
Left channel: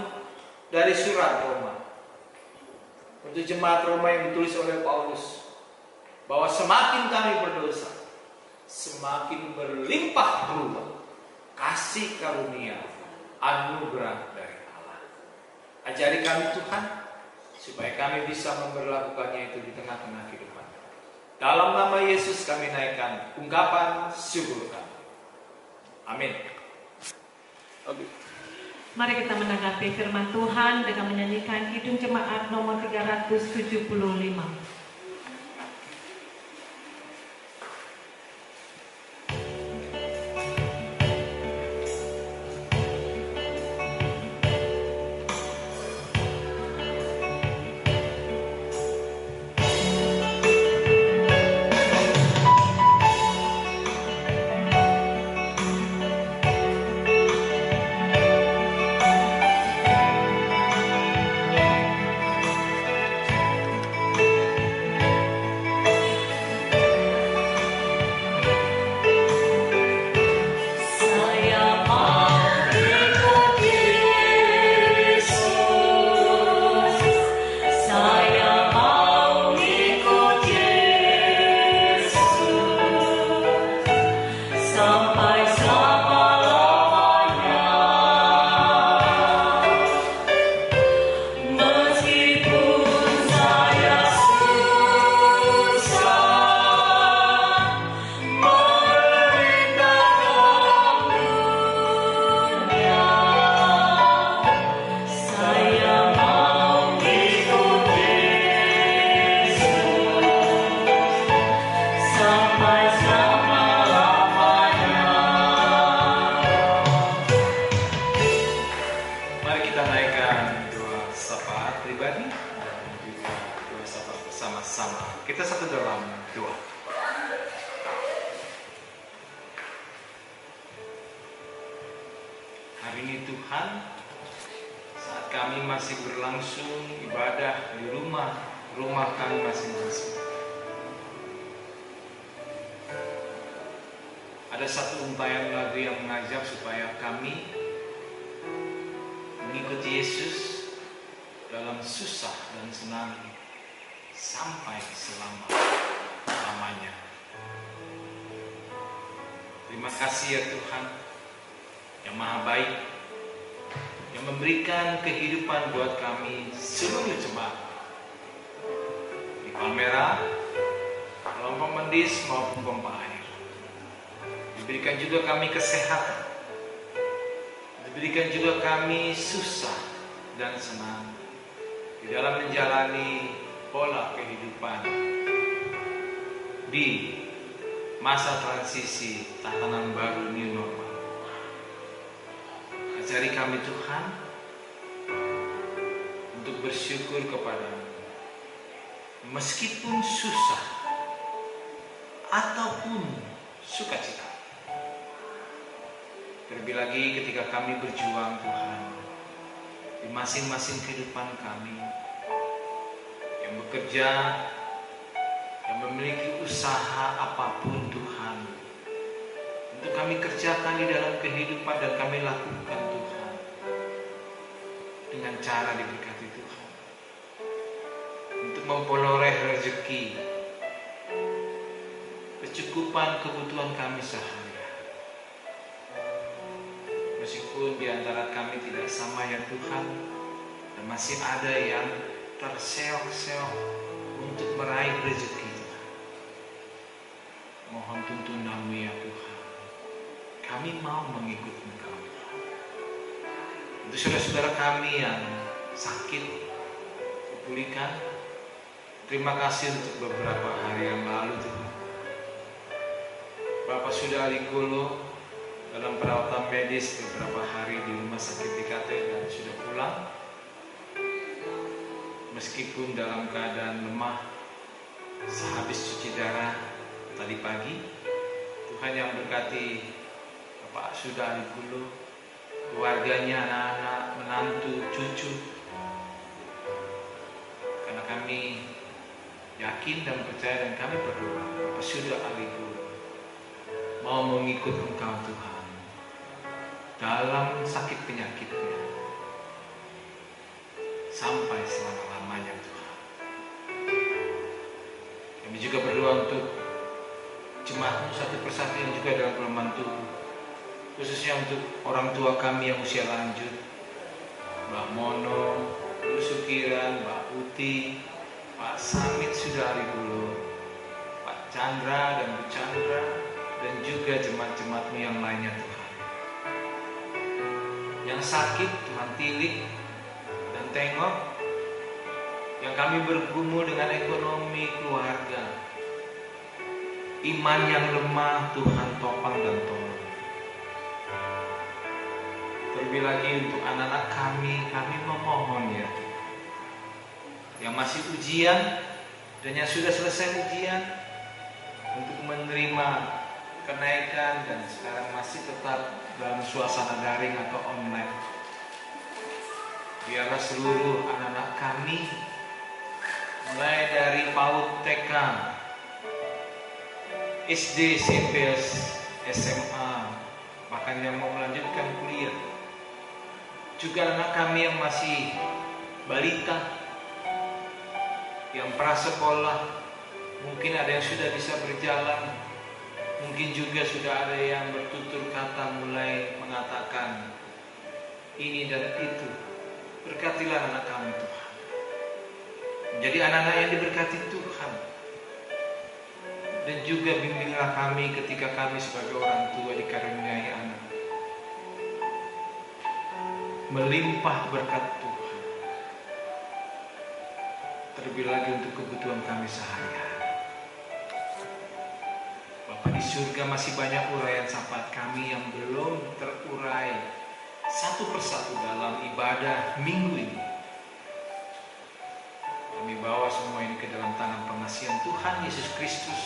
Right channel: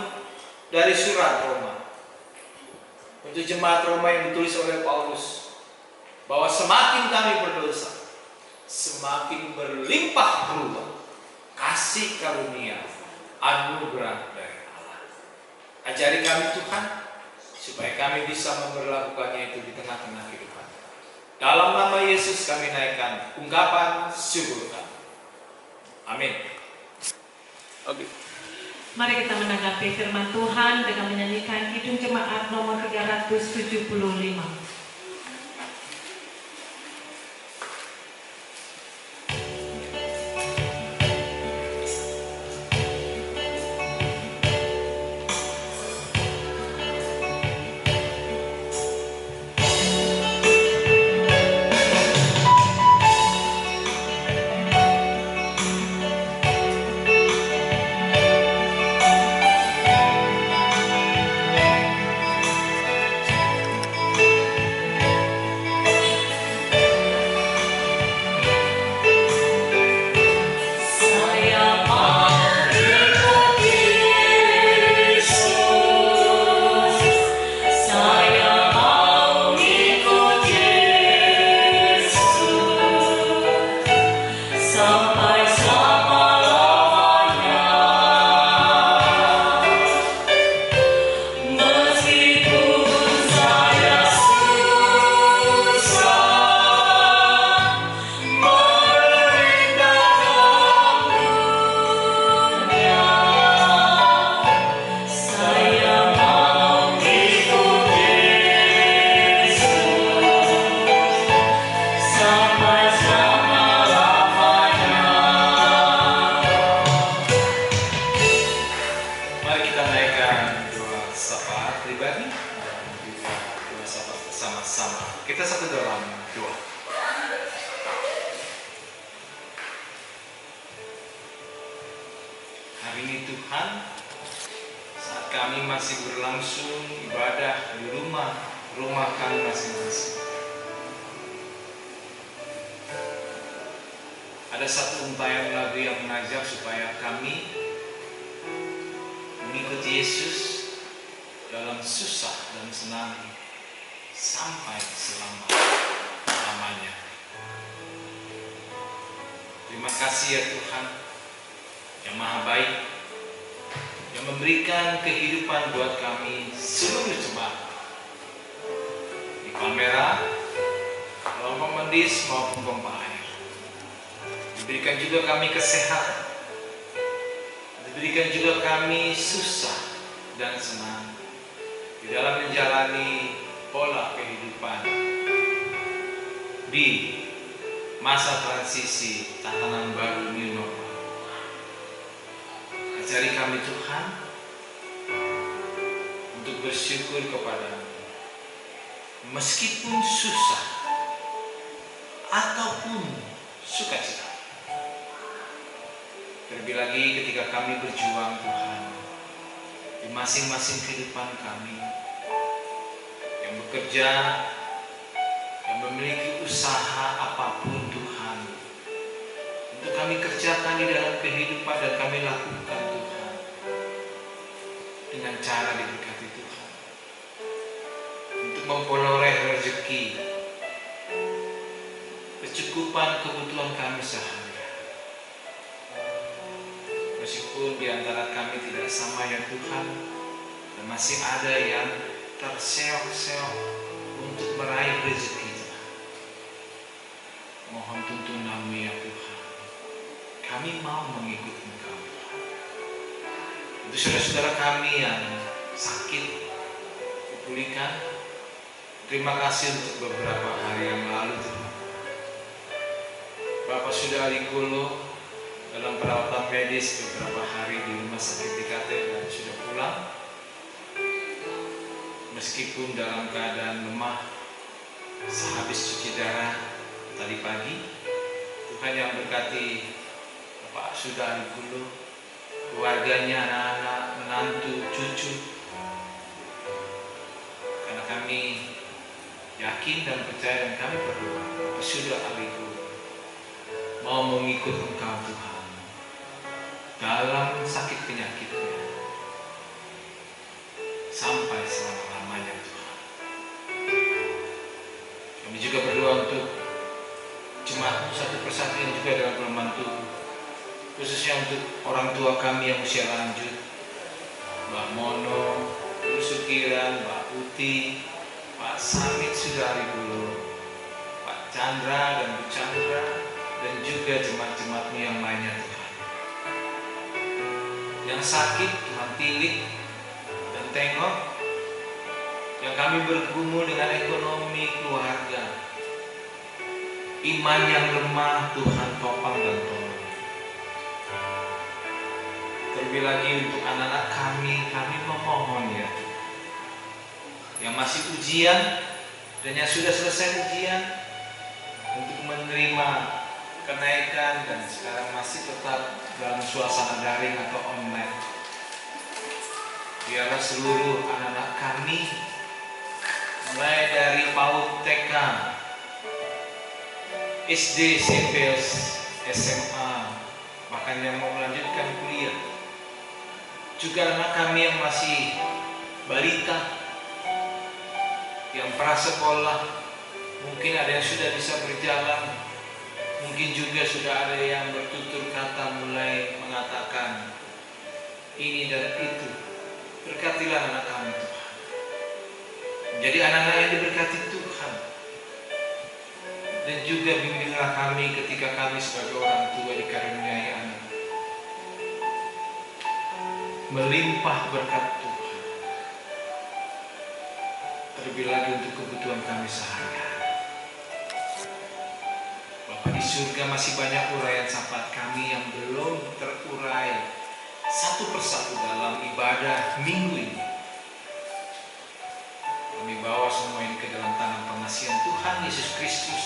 dari surat Roma untuk jemaat Roma yang ditulis oleh Paulus, bahwa semakin kami berdosa, semakin berlimpah ruah kasih karunia anugerah dari Allah. Ajari kami Tuhan, supaya kami bisa memperlakukannya itu di tengah-tengah kehidupan. Dalam nama Yesus kami naikkan ungkapan syukur kami. Amin. Oke. Mari kita menanggapi firman Tuhan dengan menyanyikan Kidung Jemaat nomor 375. Terima kasih ya Tuhan yang Maha Baik, yang memberikan kehidupan buat kami seluruh jemaat di Palmera, Romo Mendis maupun Pompa Air. Diberikan juga kami kesehatan, diberikan juga kami susah dan senang di dalam menjalani pola kehidupan di masa transisi tatanan baru new normal. Ajari kami Tuhan untuk bersyukur kepadamu meskipun susah ataupun sukacita. Terlebih lagi ketika kami berjuang Tuhan di masing-masing kehidupan kami, yang bekerja, yang memiliki usaha apapun Tuhan, untuk kami kerjakan di dalam kehidupan dan kami lakukan Tuhan dengan cara diberkati Tuhan, untuk memperoleh rezeki, kecukupan kebutuhan kami sehari-hari. Meskipun di antara kami tidak sama ya Tuhan, dan masih ada yang terseok-seok untuk meraih rezeki, mohon tuntunanmu ya Tuhan. Kami mau mengikut Engkau. Untuk saudara-saudara kami yang sakit dipulihkan, terima kasih untuk beberapa hari yang lalu Tuhan. Bapak sudah Alikolo dalam perawatan medis beberapa hari di rumah sakit TKT dan sudah pulang. Meskipun dalam keadaan lemah sehabis cuci darah tadi pagi, Tuhan yang berkati Bapak sudah Alikolo, keluarganya, anak-anak, menantu, cucu, yakin dan percaya, dan kami berdoa bahwa sudah hari itu mau mengikut Engkau Tuhan dalam sakit penyakitnya sampai selama-lamanya Tuhan. Kami juga berdoa untuk jemaat satu persatu yang juga dalam kelemahan tubuh, khususnya untuk orang tua kami yang usia lanjut, Mbak Mono, Bu Sukiran, Mbak Putih, Pak Samit Sudari dulu, Pak Chandra dan Bu Chandra, dan juga jemaat-jemaatmu yang lainnya Tuhan. Yang sakit Tuhan tilik dan tengok, yang kami bergumul dengan ekonomi keluarga, iman yang lemah Tuhan topang dan tolong. Terlebih lagi untuk anak-anak kami memohon ya, yang masih ujian dan yang sudah selesai ujian, untuk menerima kenaikan dan sekarang masih tetap dalam suasana daring atau online. Biarlah seluruh anak-anak kami, mulai dari PAUD, TK, SD, SMP, SMA, bahkan yang mau melanjutkan kuliah, juga anak kami yang masih balita, yang prasekolah, mungkin ada yang sudah bisa berjalan, mungkin juga sudah ada yang bertutur kata mulai mengatakan ini dan itu. Berkatilah anak kami Tuhan, menjadi anak-anak yang diberkati Tuhan, dan juga bimbinglah kami ketika kami sebagai orang tua dikaruniai anak, melimpah berkat Tuhan, terlebih lagi untuk kebutuhan kami sehari-hari. Bapa di surga, masih banyak uraian syafaat kami yang belum terurai satu persatu dalam ibadah minggu ini. Kami bawa semua ini ke dalam tangan pengasihan Tuhan Yesus Kristus,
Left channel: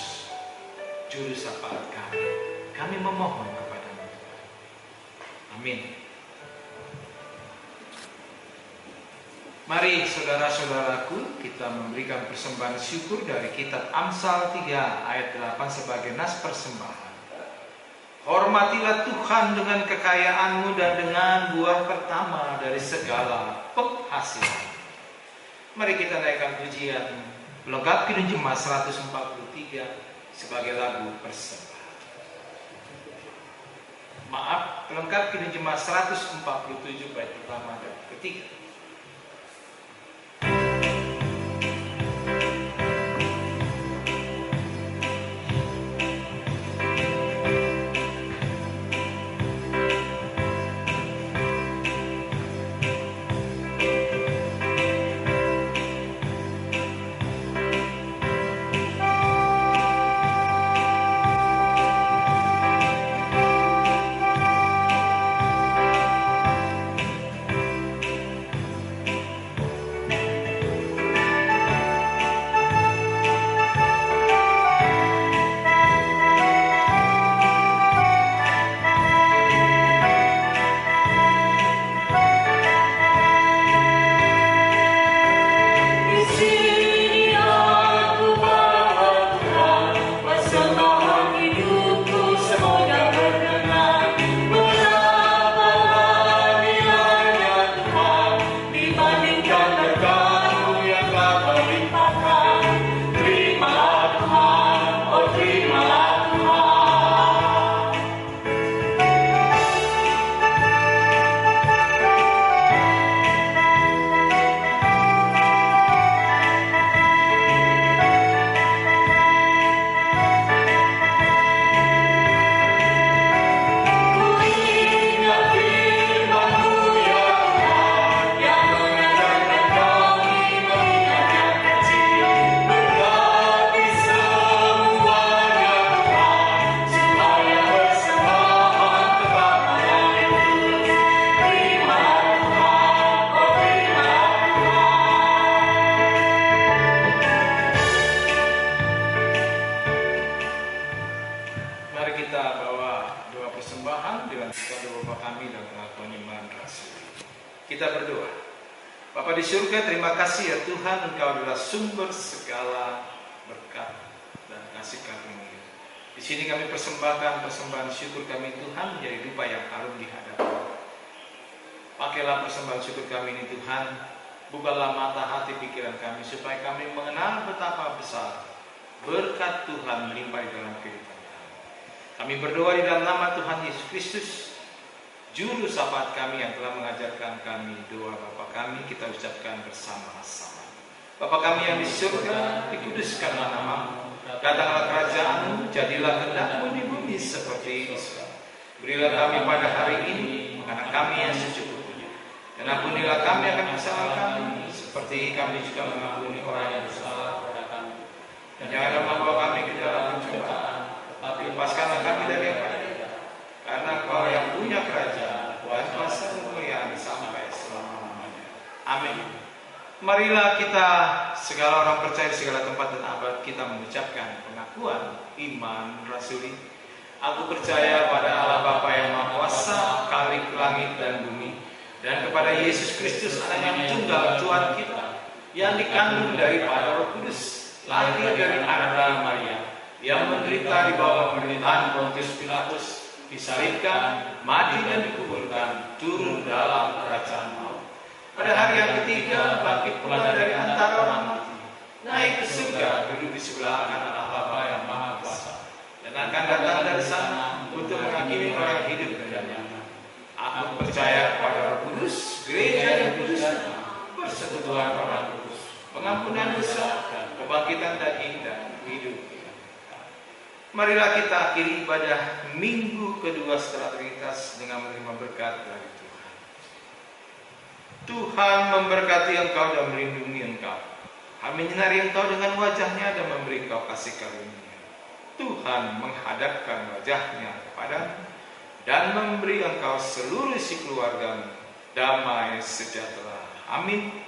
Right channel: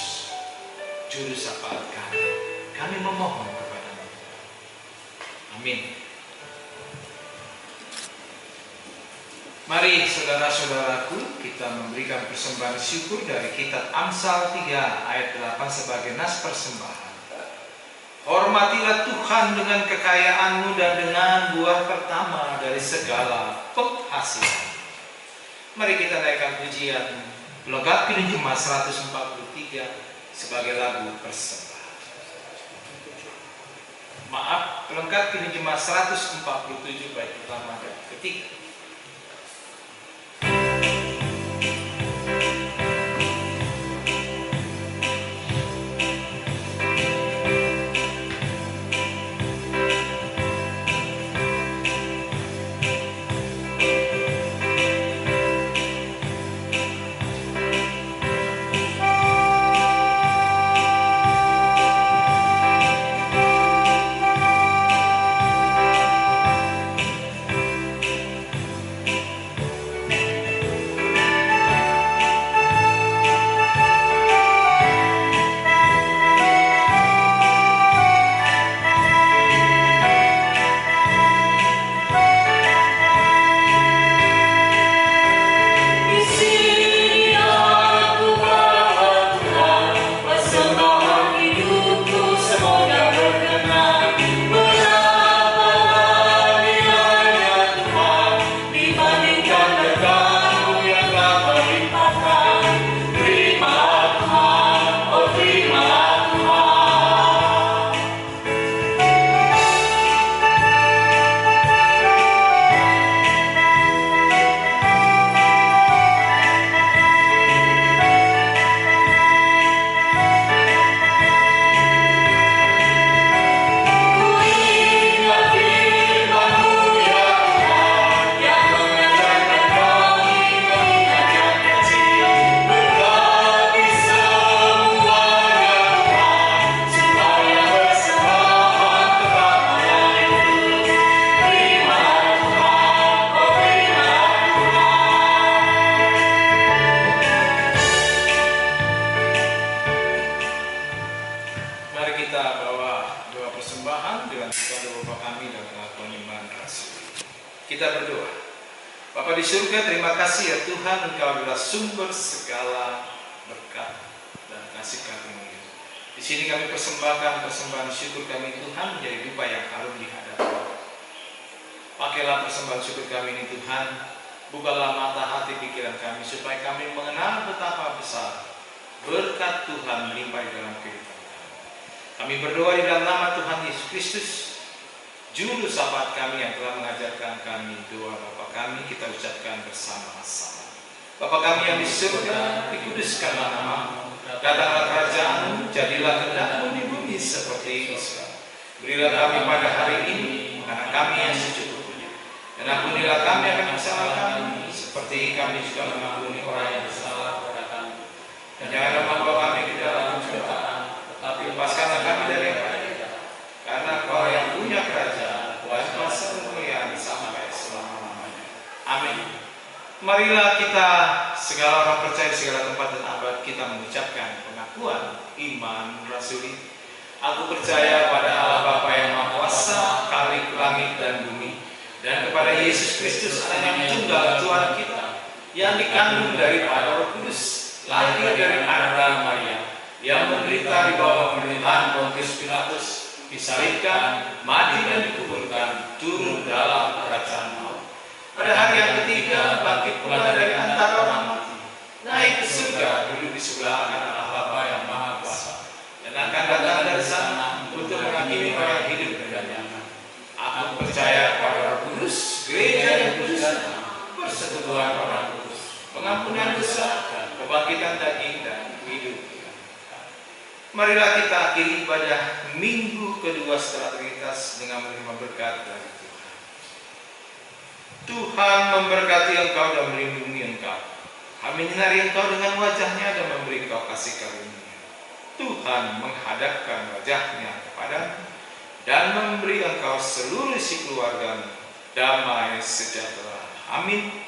Juru syafaat kami. Kami memohon kepada-Mu. Amin. Mari saudara-saudaraku, kita memberikan persembahan syukur dari kitab Amsal 3 ayat 8 sebagai nas persembahan. Hormatilah Tuhan dengan kekayaan-Mu dan dengan buah pertama dari segala penghasilan. Mari kita naikkan pujian Logat Kidung Jemaat 143 sebagai lagu persembahan. Maaf, Logat Kidung Jemaat 147 bait pertama dan ketiga. Kita berdoa. Bapa di surga, terima kasih ya Tuhan, Engkau adalah sumber segala berkat dan kasih karunia. Di sini kami persembahkan persembahan syukur kami Tuhan menjadi dupa yang harum di hadapan. Pakailah persembahan syukur kami ini Tuhan, bukalah mata hati pikiran kami supaya kami mengenal betapa besar berkat Tuhan melimpah di dalam kehidupan kami. Kami berdoa di dalam nama Tuhan Yesus Kristus, Juru Selamat kami yang telah mengajarkan kami doa Bapa kami, kita ucapkan bersama-sama. Bapa kami yang di surga, dikuduskanlah namamu, datanglah kerajaan-Mu, jadilah kehendak-Mu di bumi seperti di surga. Berilah kami pada hari ini makanan kami yang secukupnya, dan ampunilah kami akan kesalahan kami, seperti kami juga mengampuni orang yang bersalah kepada kami. Dan janganlah membawa kami ke dalam pencobaan, tetapi lepaskanlah kami dari yang jahat. Karena Kau yang punya kerajaan, kuasa dan kemuliaan sampai selama-lamanya. Amin. Marilah kita segala orang percaya segala tempat dan abad kita mengucapkan pengakuan iman rasuli. Aku percaya pada Allah Bapa yang Maha Kuasa, Khalik langit dan bumi, dan kepada Yesus Kristus Anak yang tunggal Tuhan kita, yang dikandung daripada Roh Kudus, lahir dari Arda Maria, yang menderita di bawah pemerintahan Pontius Pilatus, disalibkan, mati dan dikuburkan, turun dalam kerajaan maut. Pada hari yang ketiga bangkit pula dari antara orang mati, naik ke surga, duduk di sebelah kanan Allah Bapa yang Maha Kuasa, dan akan datang dari sana untuk menghakimi orang hidup dan yang mati. Aku percaya pada Roh Kudus, gereja yang kudus, persekutuan orang kudus, pengampunan dosa, kebangkitan daging dan hidup. Marilah kita akhiri ibadah minggu kedua setelah Trinitas dengan menerima berkat dari Tuhan. Tuhan memberkati engkau dan melindungi engkau. Kami menyinari engkau dengan wajahnya dan memberi engkau kasih karunia. Tuhan menghadapkan wajahnya kepadamu dan memberi engkau seluruh isi keluargamu damai sejahtera. Amin.